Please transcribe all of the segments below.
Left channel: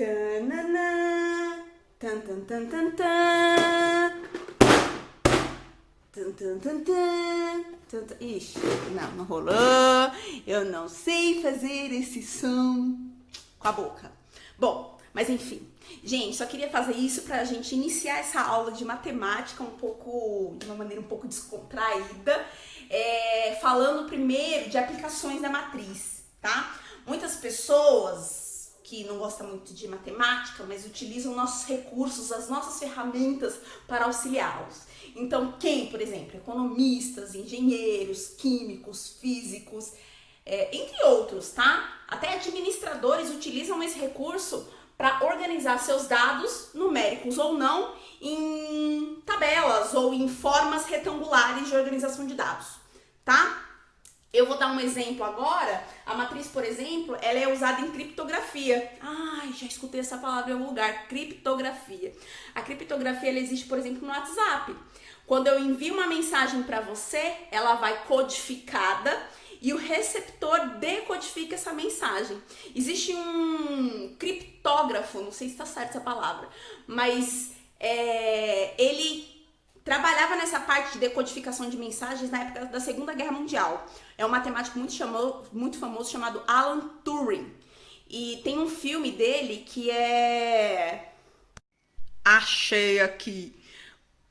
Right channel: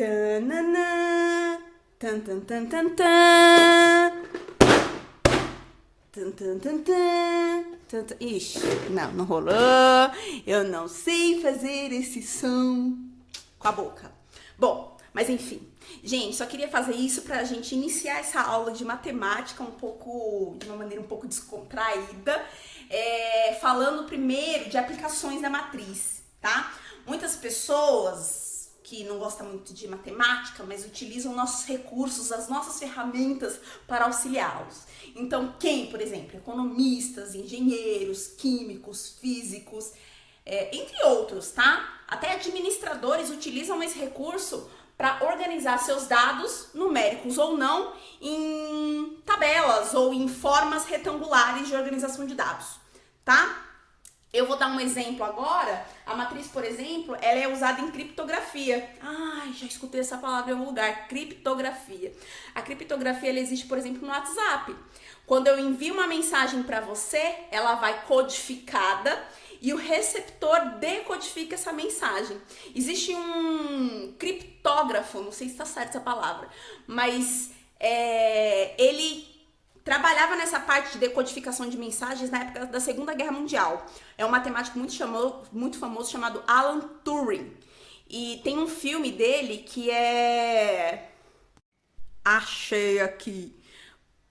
Tananã, tan, tan, tan, tan, tan. Tan, tan, tan, tan, tan, tan. Ixi, não rolou. Eu não sei fazer esse som com a boca. Bom, mas enfim. Gente, só queria fazer isso pra gente iniciar essa aula de matemática de uma maneira um pouco descontraída, falando primeiro de aplicações da matriz, tá? Muitas pessoas que não gostam muito de matemática, mas utilizam nossos recursos, as nossas ferramentas para auxiliá-los. Então, por exemplo, economistas, engenheiros, químicos, físicos, entre outros, tá? Até administradores utilizam esse recurso para organizar seus dados, numéricos ou não, em tabelas ou em formas retangulares de organização de dados, tá? Eu vou dar um exemplo agora. A matriz, por exemplo, ela é usada em criptografia. Ai, já escutei essa palavra em algum lugar, criptografia. A criptografia, ela existe, por exemplo, no WhatsApp. Quando eu envio uma mensagem para você, ela vai codificada e o receptor decodifica essa mensagem. Existe um criptógrafo, não sei se está certa essa palavra, mas ele trabalhava nessa parte de decodificação de mensagens na época da Segunda Guerra Mundial. É um matemático muito famoso chamado Alan Turing. E tem um filme dele que é... Achei aqui.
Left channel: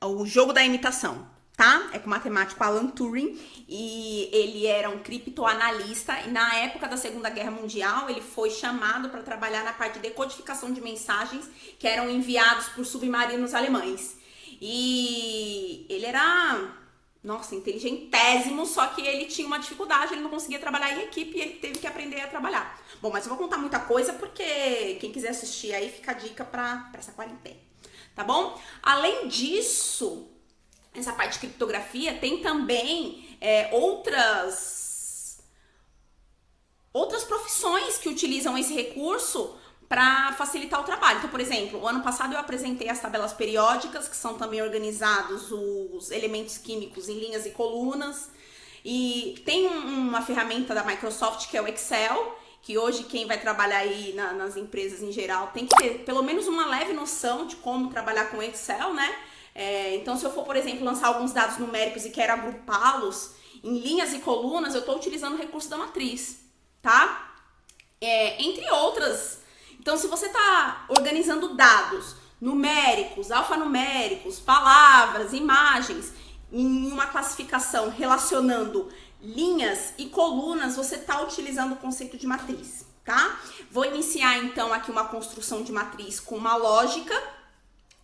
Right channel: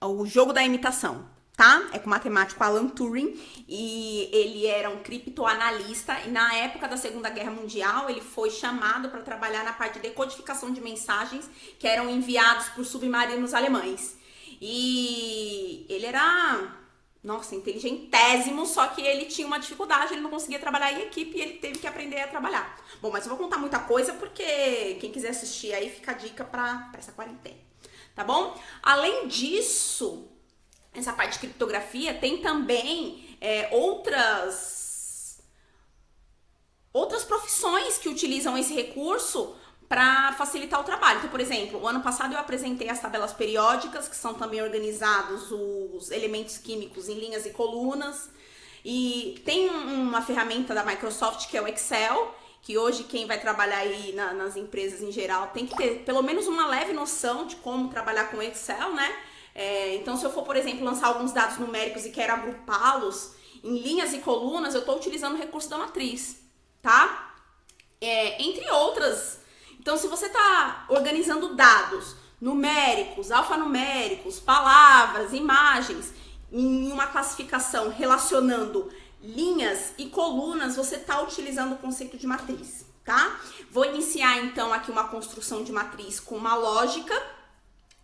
O Jogo da Imitação, tá? É com o matemático Alan Turing. E ele era um criptoanalista. E na época da Segunda Guerra Mundial, ele foi chamado para trabalhar na parte de decodificação de mensagens que eram enviados por submarinos alemães. E ele era, nossa, inteligentésimo, só que ele tinha uma dificuldade, ele não conseguia trabalhar em equipe e ele teve que aprender a trabalhar. Bom, mas eu vou contar muita coisa porque quem quiser assistir aí fica a dica pra essa quarentena, tá bom? Além disso, essa parte de criptografia tem também outras profissões que utilizam esse recurso para facilitar o trabalho. Então, por exemplo, o ano passado eu apresentei as tabelas periódicas, que são também organizados os elementos químicos em linhas e colunas. E tem uma ferramenta da Microsoft que é o Excel, que hoje quem vai trabalhar aí nas empresas em geral tem que ter pelo menos uma leve noção de como trabalhar com Excel, né? Então, se eu for, por exemplo, lançar alguns dados numéricos e quero agrupá-los em linhas e colunas, eu estou utilizando o recurso da matriz, tá? Entre outras. Então, se você está organizando dados numéricos, alfanuméricos, palavras, imagens, em uma classificação relacionando linhas e colunas, você está utilizando o conceito de matriz, tá? Vou iniciar, então, aqui uma construção de matriz com uma lógica,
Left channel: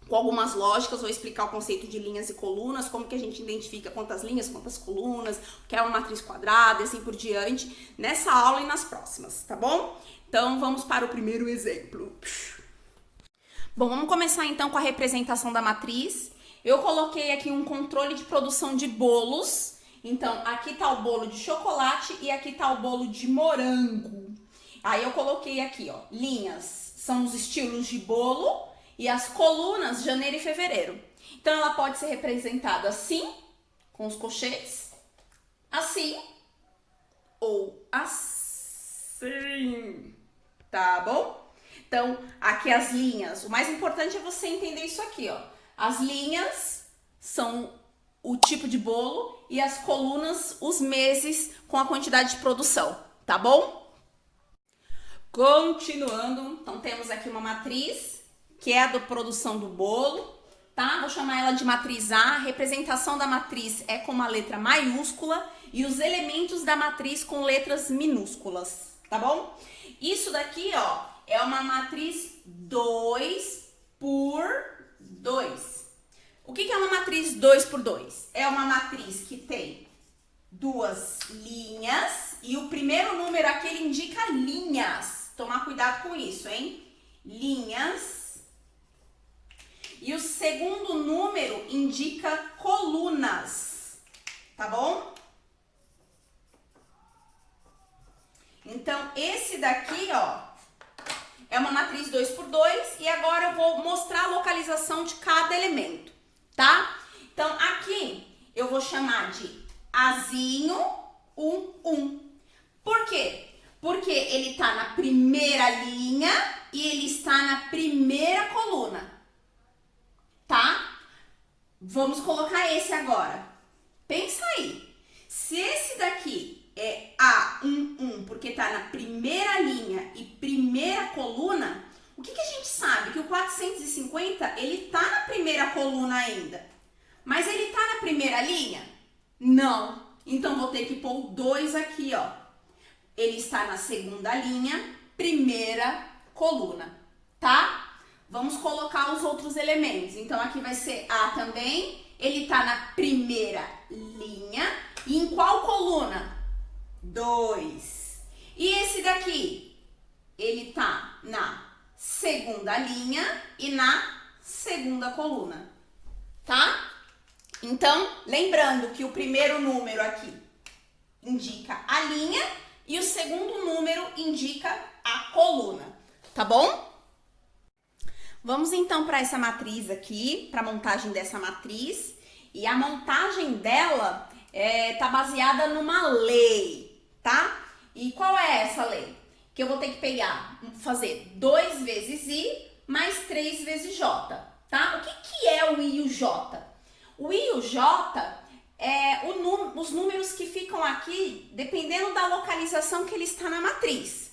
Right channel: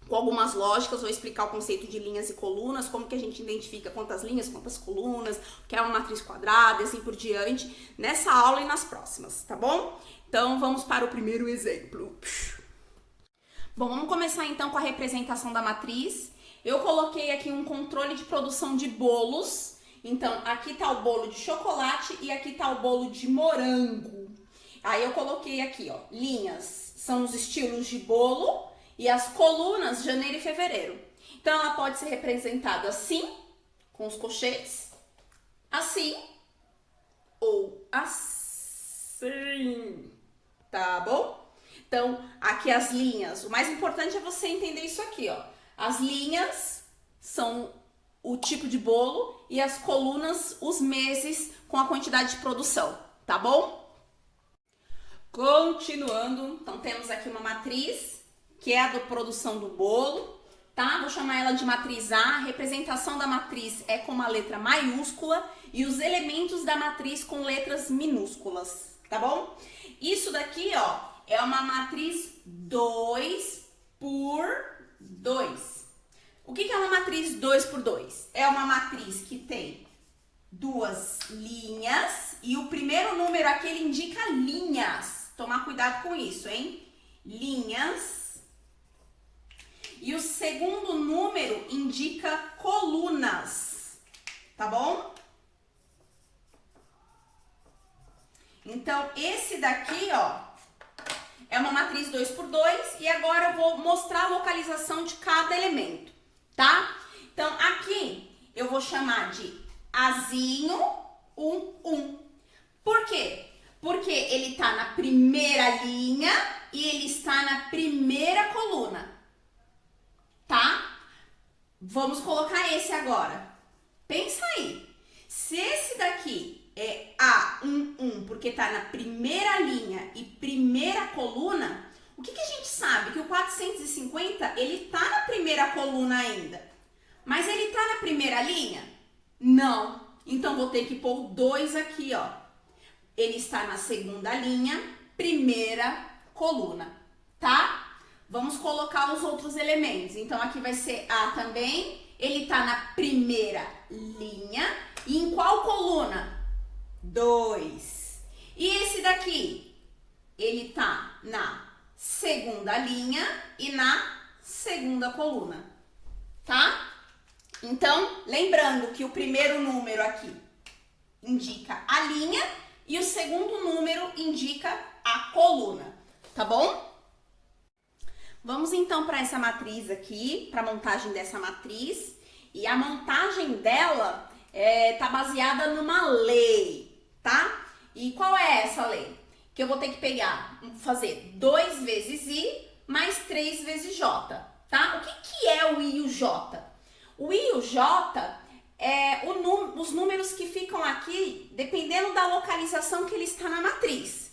com algumas lógicas, vou explicar o conceito de linhas e colunas, como que a gente identifica quantas linhas, quantas colunas, o que é uma matriz quadrada e assim por diante, nessa aula e nas próximas, tá bom? Então, vamos para o primeiro exemplo. Bom, vamos começar então com a representação da matriz. Eu coloquei aqui um controle de produção de bolos. Então, aqui tá o bolo de chocolate e aqui tá o bolo de morango. Aí eu coloquei aqui, ó, linhas são os estilos de bolo e as colunas, janeiro e fevereiro. Então, ela pode ser representada assim, com os cochetes, assim ou assim, tá bom? Então, aqui as linhas, o mais importante é você entender isso aqui, ó. As linhas são o tipo de bolo e as colunas, os meses com a quantidade de produção, tá bom? Continuando, então temos aqui uma matriz, que é a da produção do bolo, tá? Vou chamar ela de matriz A. A representação da matriz é com uma letra maiúscula e os elementos da matriz com letras minúsculas, tá bom? Isso daqui, ó, é uma matriz 2 por 2. O que é uma matriz 2 por 2? É uma matriz que tem duas linhas e o primeiro número aqui ele indica linhas. Tomar cuidado com isso, hein? Linhas. E o segundo número indica colunas, tá bom? Então, esse daqui, ó, é uma matriz 2 por 2 e agora eu vou mostrar a localização de cada elemento, tá? Então, aqui eu vou chamar de Azinho 1, 1. Por quê? Porque ele tá na primeira linha e ele está na primeira coluna, tá? Vamos colocar esse agora. Pensa aí. Se esse daqui é A11, porque tá na primeira linha e primeira coluna, o que a gente sabe? Que o 450, ele tá na primeira coluna ainda. Mas ele tá na primeira linha? Não. Então, vou ter que pôr o 2 aqui, ó. Ele está na segunda linha, primeira coluna, tá? Vamos colocar os outros elementos. Então, aqui vai ser A também. Ele tá na primeira linha. E em qual coluna? 2. E esse daqui? Ele tá na segunda linha e na segunda coluna, tá? Então, lembrando que o primeiro número aqui indica a linha e o segundo número indica a coluna, tá bom? Vamos então para essa matriz aqui, para a montagem dessa matriz. E a montagem dela tá baseada numa lei, tá? E qual é essa lei? Que eu vou ter que pegar, fazer 2 vezes I mais 3 vezes J, tá? O que é o I e o J? O I e o J é os números que ficam aqui dependendo da localização que ele está na matriz.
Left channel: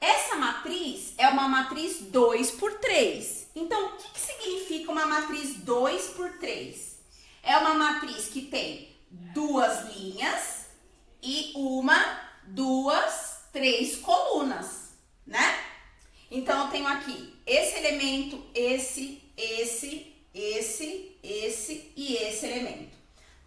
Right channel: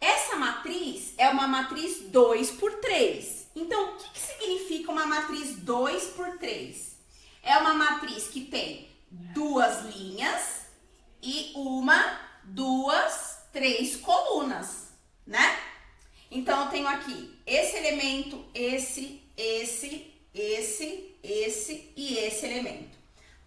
Essa matriz é uma matriz 2 por 3. Então, o que significa uma matriz 2 por 3? É uma matriz que tem 2 linhas e 1, 2, 3 colunas, né? Então, eu tenho aqui esse elemento, esse e esse elemento,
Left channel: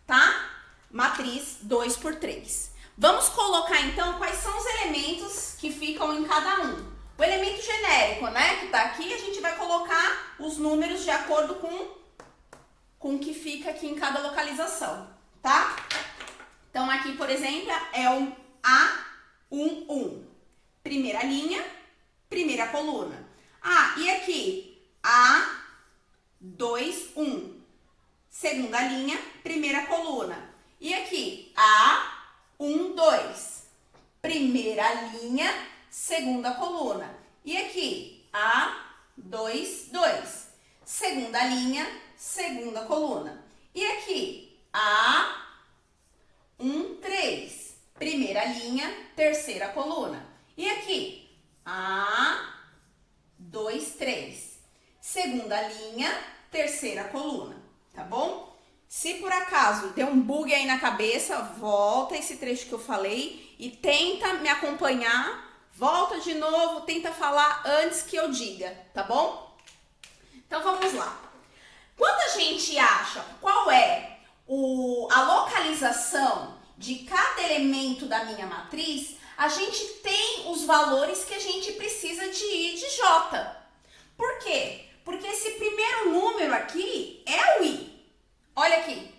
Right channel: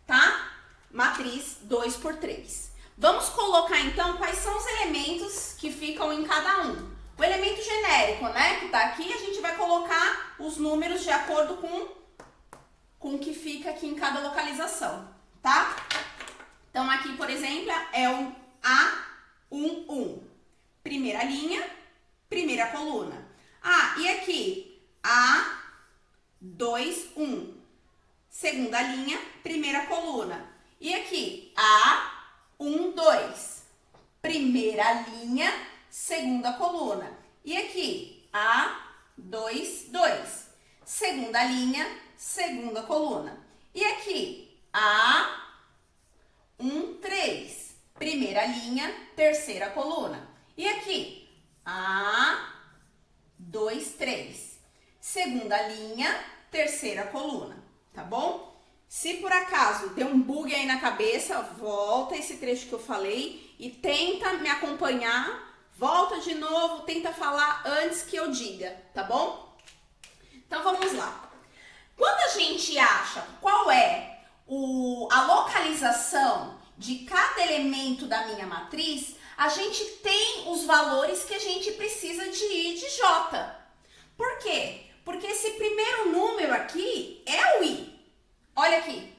tá? Matriz 2 por 3. Vamos colocar, então, quais são os elementos que ficam em cada um. O elemento genérico, né, que tá aqui, a gente vai colocar os números de acordo com o que fica aqui em cada localização, tá? Então, aqui, por exemplo, é o A11. Primeira linha, primeira coluna. Ah, e aqui, A21. Segunda linha, primeira coluna. E aqui, A12. Primeira linha, segunda coluna. E aqui, A22. Segunda linha, segunda coluna. E aqui, A13. Primeira linha, terceira coluna. E aqui, A23. Segunda linha, terceira coluna, tá bom? Se por acaso deu um bug aí na cabeça, volta esse trecho que eu falei e tenta me acompanhar. Volta de novo, tenta falar antes que eu diga, tá bom? Então, vamos lá. Quando a gente acha qual é a localização de cada elemento da minha matriz, a gente tem os valores que a gente precisa de I e de J. Por quê? Porque esse primeiro número aqui é o I. Olha aqui.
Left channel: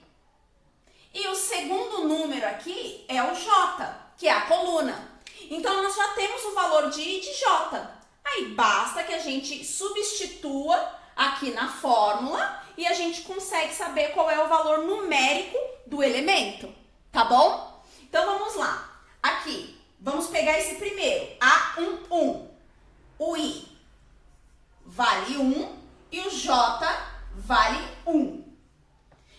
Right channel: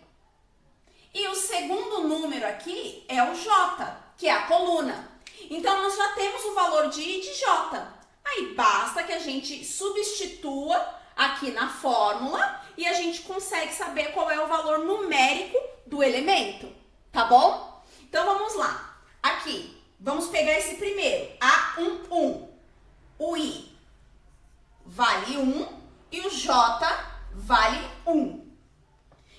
E o segundo número aqui é o J, que é a coluna. Então, nós já temos o valor de I e de J. Aí, basta que a gente substitua aqui na fórmula e a gente consegue saber qual é o valor numérico do elemento, tá bom? Então, vamos lá. Aqui, vamos pegar esse primeiro, A11. O I vale 1 e o J vale 1.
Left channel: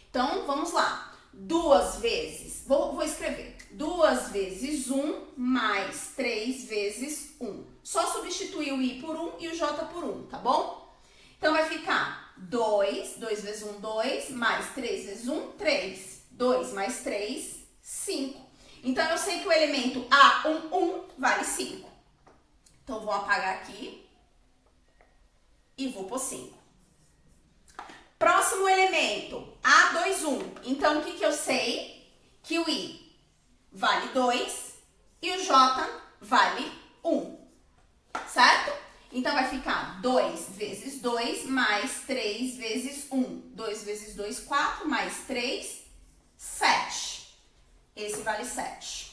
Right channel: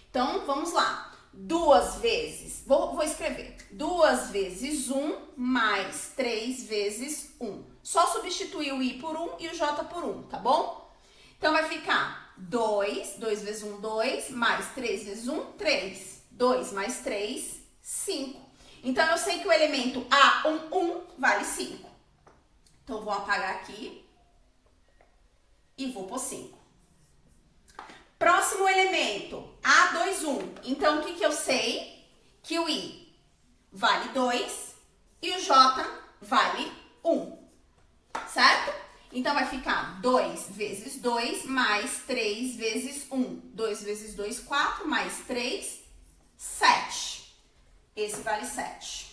Então, vamos lá. 2 vezes, vou escrever. 2 vezes 1 mais 3 vezes 1. Só substituir o I por 1 e o J por 1, tá bom? Então, vai ficar 2 vezes 1, 2, mais 3 vezes 1, 3. 2 mais 3, 5. Então, eu sei que o elemento A11 vale 5. Então, vou apagar aqui e vou pôr 5. Próximo elemento, A21. Então, o que eu sei? Que o I vale 2 e o J vale 1, certo? Então, vai ficar 2 vezes 2 mais 3 vezes 1. 2 vezes 2, 4, mais 3, 7. Esse vale 7.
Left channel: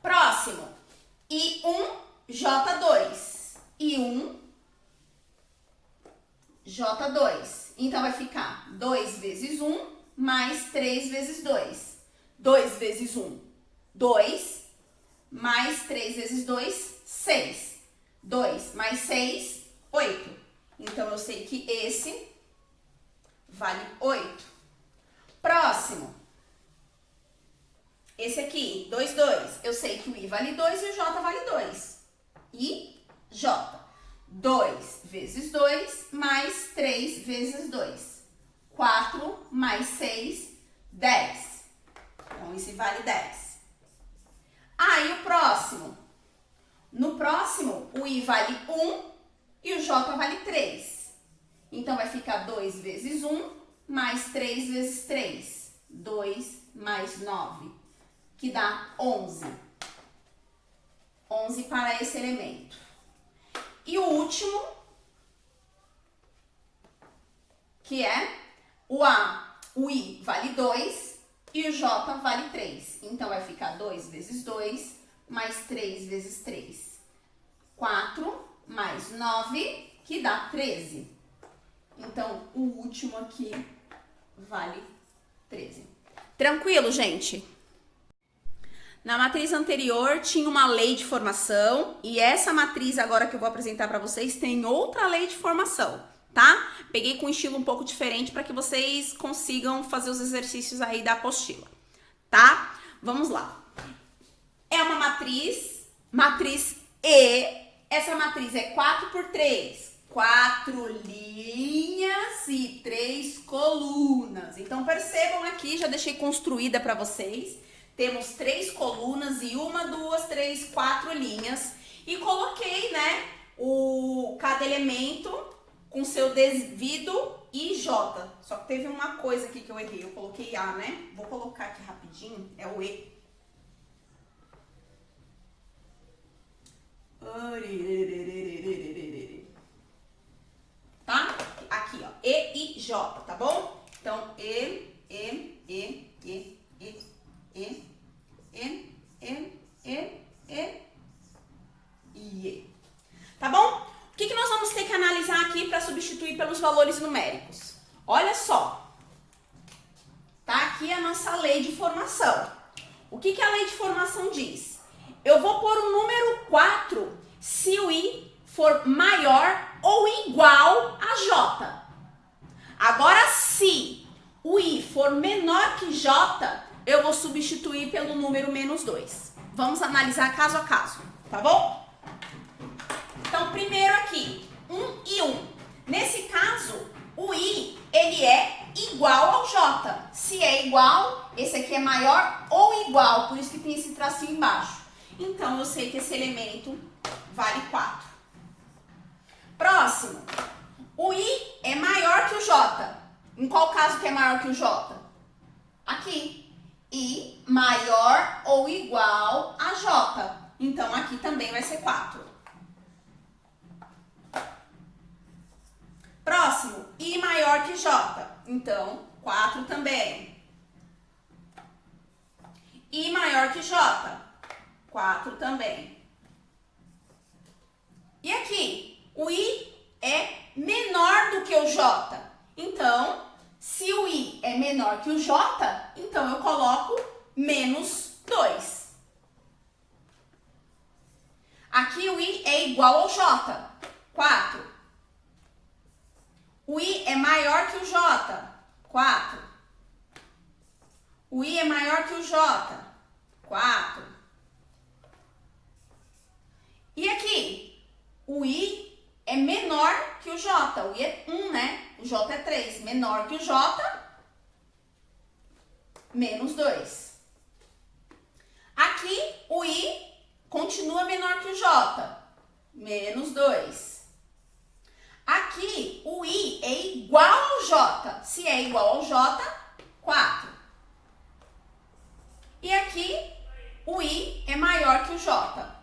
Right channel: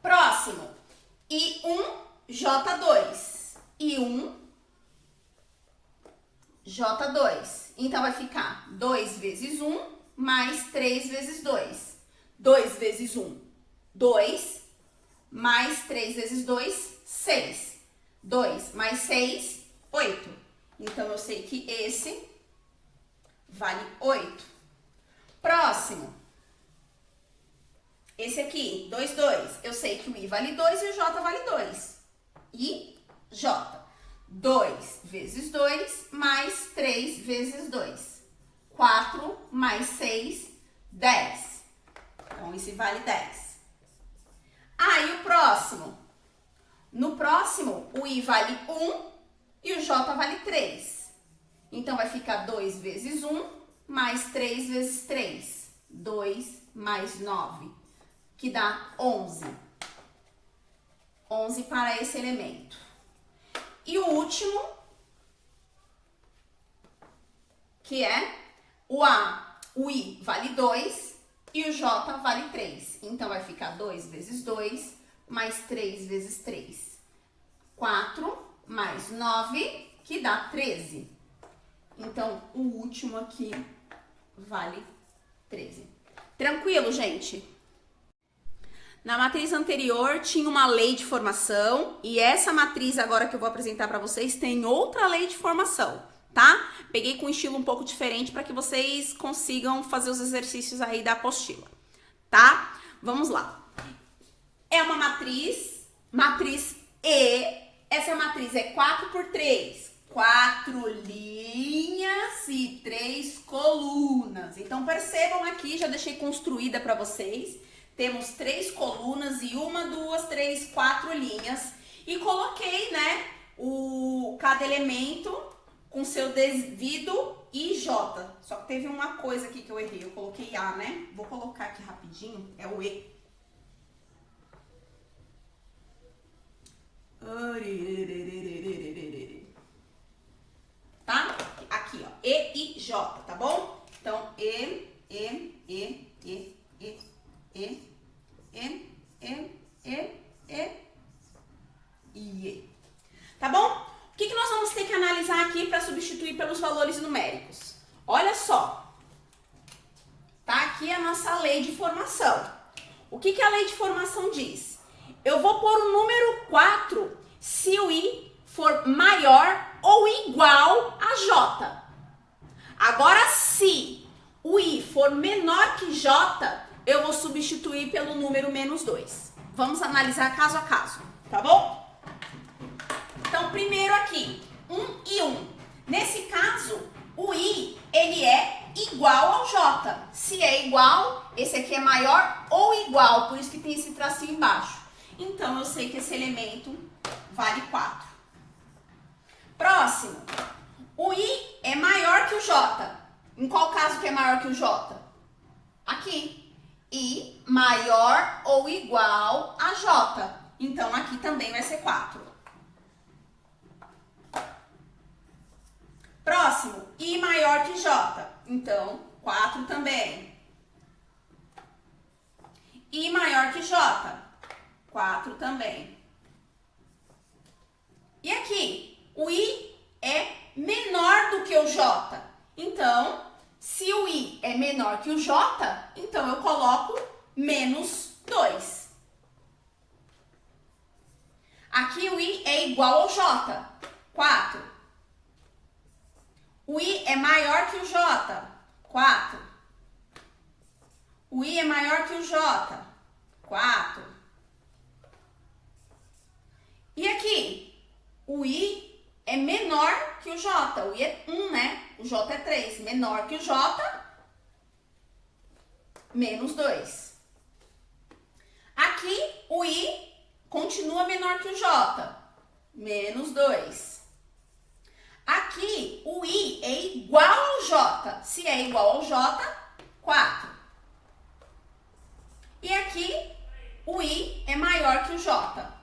Próximo, I1, J2. I1, J2. Então, vai ficar 2 vezes 1 mais 3 vezes 2. 2 vezes 1, 2. Mais 3 vezes 2, 6. 2 mais 6, 8. Então, eu sei que esse vale 8. Próximo. Esse aqui, 2, 2. Eu sei que o I vale 2 e o J vale 2. I, J. 2 vezes 2 mais 3 vezes 2. 4 mais 6, 10. Então, esse vale 10. Aí, o próximo. No próximo, o I vale 1 e o J vale 3. Então, vai ficar 2 vezes 1 mais 3 vezes 3. 2 mais 9, que dá 11. 11 para esse elemento. E o último, que é o A, o I vale 2 e o J vale 3. Então, vai ficar 2 vezes 2 mais 3 vezes 3. 4 mais 9, que dá 13. Então, o último aqui vale 13. Tranquilo, gente? Na matriz anterior tinha uma lei de formação e essa matriz agora que eu vou apresentar para vocês tem outra lei de formação, tá? Peguei com um estilo um pouco diferente para que vocês consigam fazer os exercícios aí da apostila, tá? Vamos lá. É uma matriz E. Essa matriz é 4 por 3. 4 linhas e 3 colunas. Então, percebam aqui, já deixei construída para vocês. Temos 3 colunas e 1, 2, 3, 4 linhas. E coloquei, né, cada elemento com seu devido IJ. Só que teve uma coisa aqui que eu errei. Eu coloquei A, né? Vou colocar aqui rapidinho. É o E. Tá? Aqui, ó. E e J, tá bom? Então, E, E. Tá bom? O que nós vamos ter que analisar aqui para substituir pelos valores numéricos? Olha só. Tá aqui a nossa lei de formação. O que a lei de formação diz? Eu vou pôr o número 4 se o I for maior ou igual a J. Agora, se o I for menor que J, eu vou substituir pelo número menos 2. Vamos analisar caso a caso, tá bom? Então, primeiro aqui, 1 e 1. Nesse caso, o I, ele é igual ao J. Se é igual, esse aqui é maior ou igual, por isso que tem esse tracinho embaixo. Então, eu sei que esse elemento vale 4. Próximo. O I é maior que o J. Em qual caso que é maior que o J? Aqui. I maior ou igual a J. Então, aqui também vai ser 4. Próximo. I maior que J. Então, 4 também. I maior que J. 4 também. E aqui, o I é menor do que o J. Então, se o I é menor que o J, então eu coloco menos 2. Aqui o I é igual ao J. 4. O I é maior que o J. 4. O I é maior que o J. 4. E aqui, o I é menor que o J. O I é 1, né? O J é 3. Menor que o J, menos 2. Aqui, o I continua menor que o J. Menos 2. Aqui, o I é igual ao J. Se é igual ao J, 4. E aqui, o I é maior que o J.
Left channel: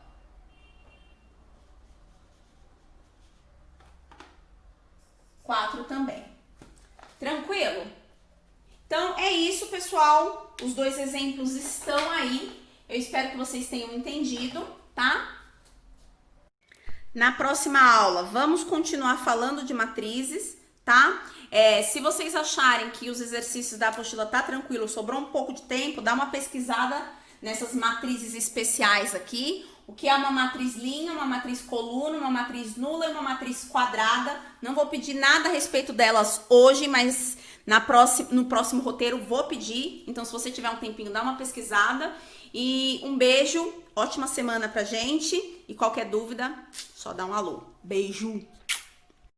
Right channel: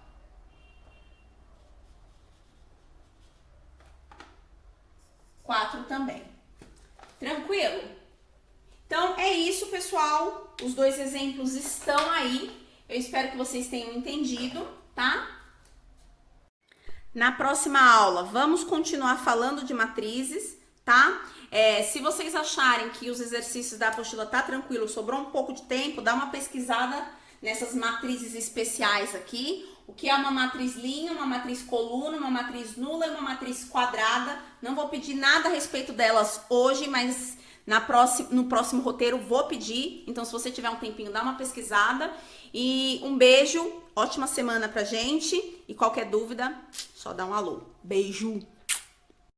4 também. Tranquilo? Então, é isso, pessoal. Os dois exemplos estão aí. Eu espero que vocês tenham entendido, tá? Na próxima aula, vamos continuar falando de matrizes, tá? Se vocês acharem que os exercícios da apostila tá tranquilo, sobrou um pouco de tempo, dá uma pesquisada nessas matrizes especiais aqui, o que é uma matriz linha, uma matriz coluna, uma matriz nula e uma matriz quadrada. Não vou pedir nada a respeito delas hoje, mas no próximo roteiro vou pedir. Então, se você tiver um tempinho, dá uma pesquisada. E um beijo, ótima semana pra gente. E qualquer dúvida, só dá um alô. Beijo!